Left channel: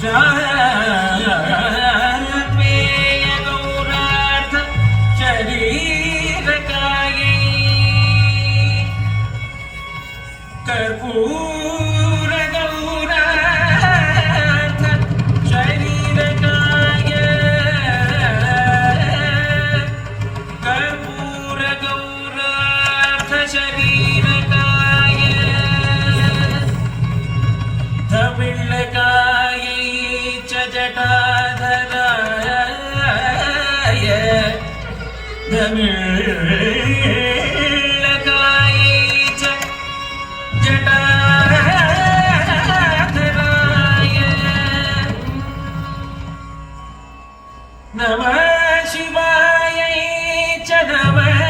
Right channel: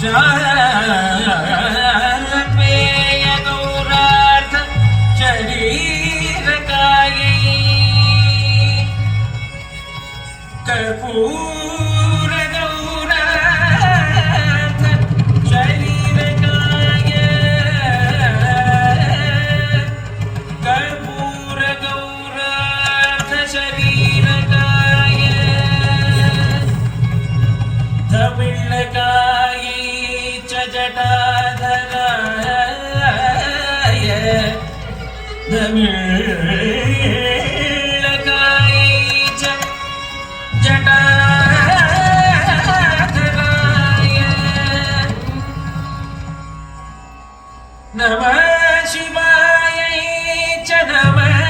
जापेय गौरार्थ शरीरकायै कर्पूर गौरार्थ शरीरकाय कर्पूर गौरार्थ शरीरकाय धविळ्ळकायै च जटाधराय धविळ्ळकायै च जटाधराय नमः शिवाय च नमः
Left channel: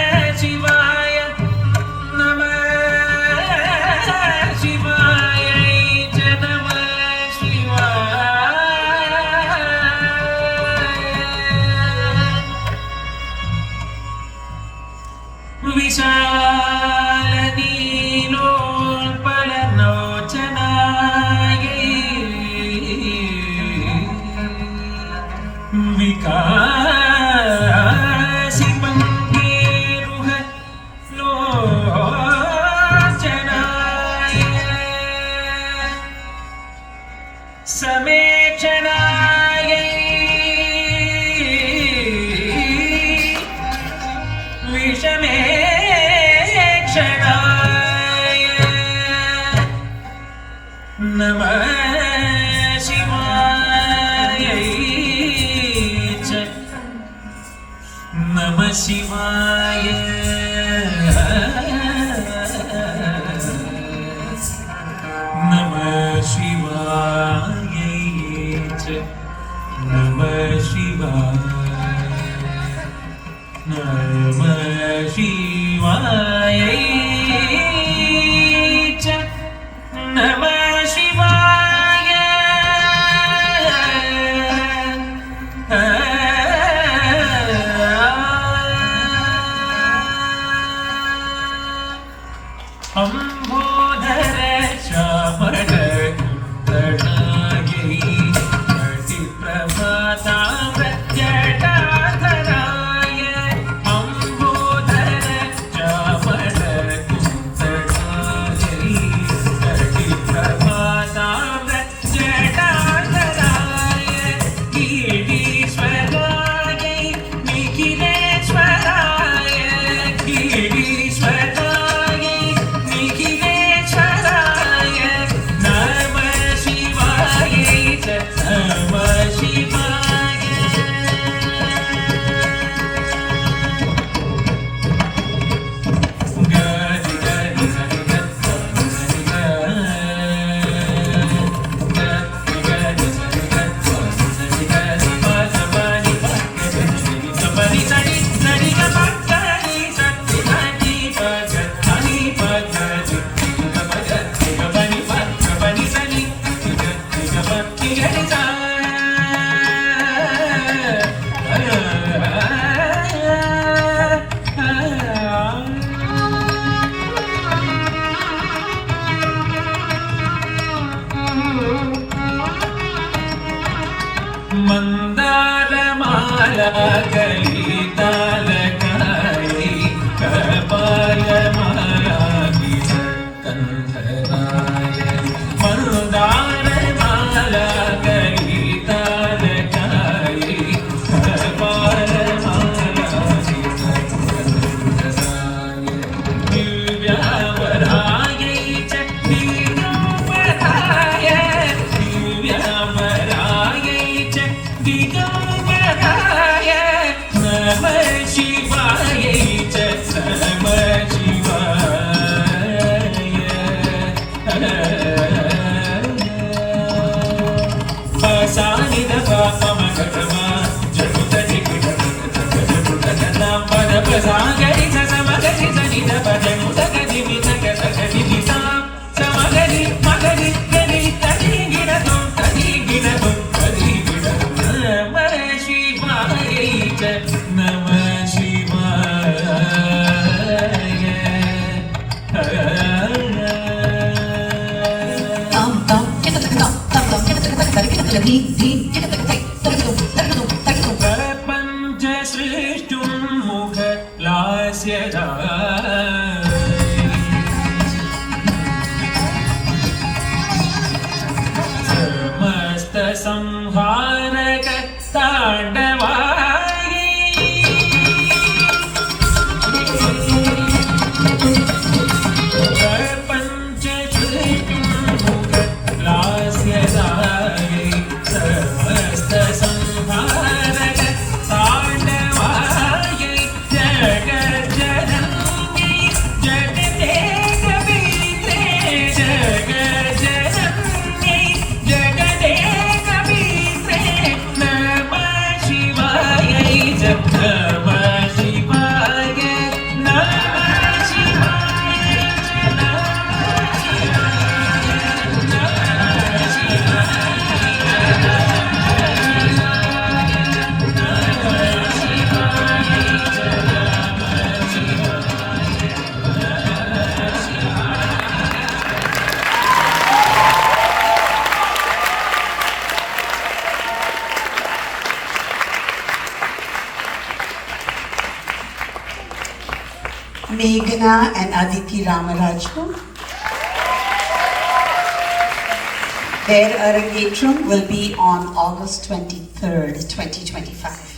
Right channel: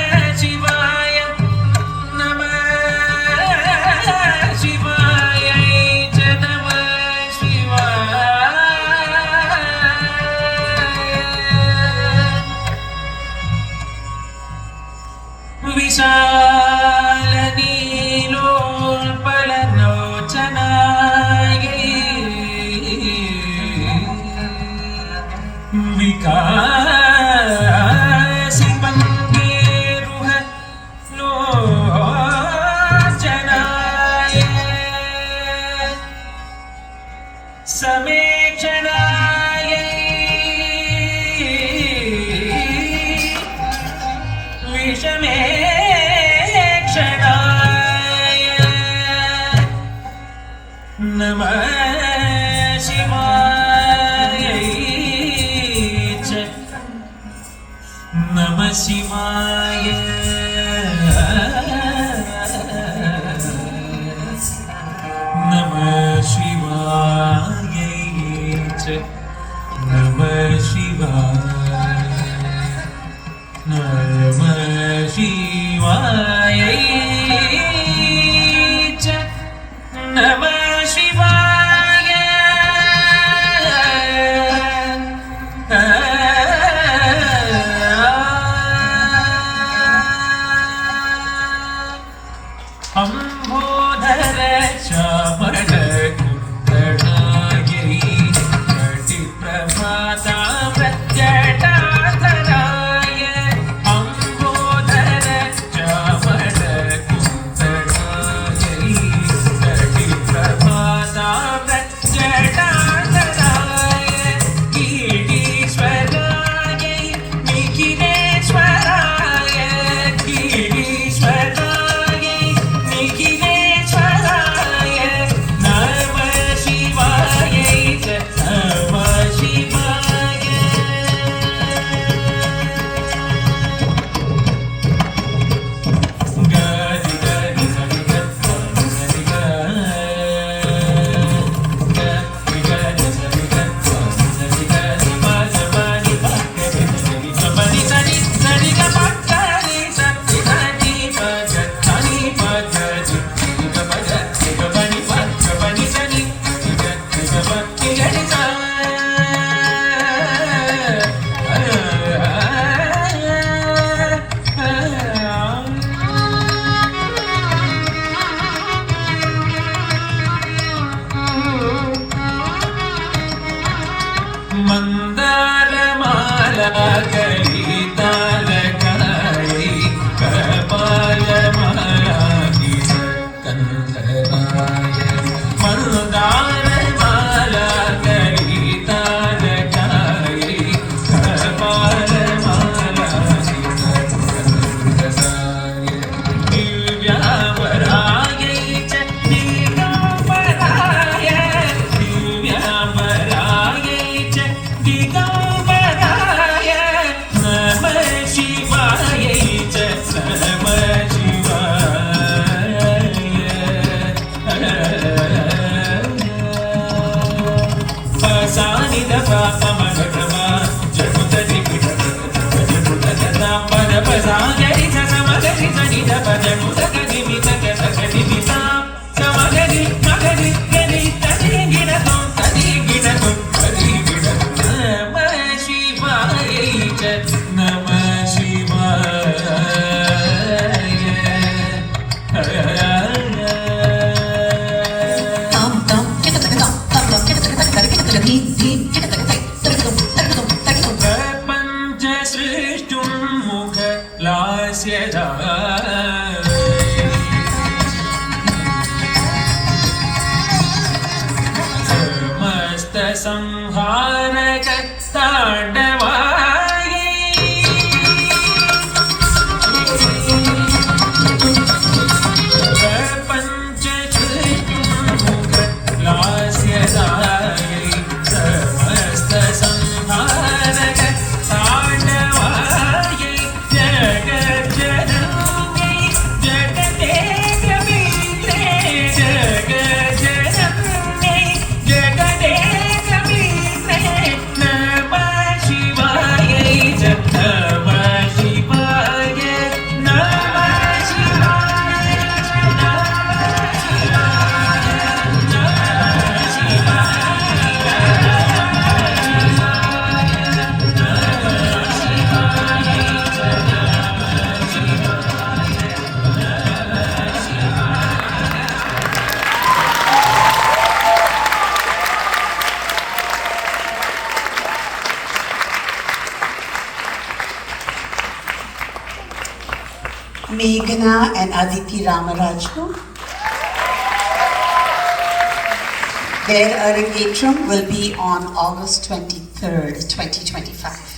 शिवाय नमः शिवाय च नमः शिवाय विशालनीलोत्पललोचनायै विकासिमङ्गेरुह लोचनाय समेक्षणाय विषमेक्षणाय नमः शिवाय च नमः शिवाय नमः शिवाय च नमः शिवाय नमः शिवाय च नमः शिवाय अंबोधर श्यामल कुंडलायै जटिप्रभाताम्रजटाधराय अंबोधर श्यामल कुंडलायै जटिप्रभाताम्रजटाधराय गिरीश्वरायै निखिलेश्वराय गिरीश्वराय निखिलेश्वराय नमः शिवाय च नमः शिवाय गरि गरि सरि गरि गरि सरि गरि गरि पासपानि गरि सरि सरि सरि गरि सरि सरि पगनि पगनि पगनि पगनि सरि गरि गरि सा मन्दारमाला कलितालकायै कपालमालादिशकन्धराय मन्दारमाला कलितालकायै कपालमालादिशकन्धराय दिव्यावरायै च दिगम्बराय दिव्यावरायै च दिगम्बराय नमः शिवाय च नमः शिवाय प्रपञ्च सृष्टुं मुखलास्यजा समस्त संहारक ताण्डवाये प्रपञ्च सृष्टुं मुखलास्यजाये समस्त संहारक ताण्डवाये जगज्जननी जगते कवीत्रे जगज्जननी जगते कवीत्रे नमः शिवाय नमः शिवाय नमः शिवाय Meghna and Aditi Ramaraju. Their Arangetram will be on August 23rd, 2025.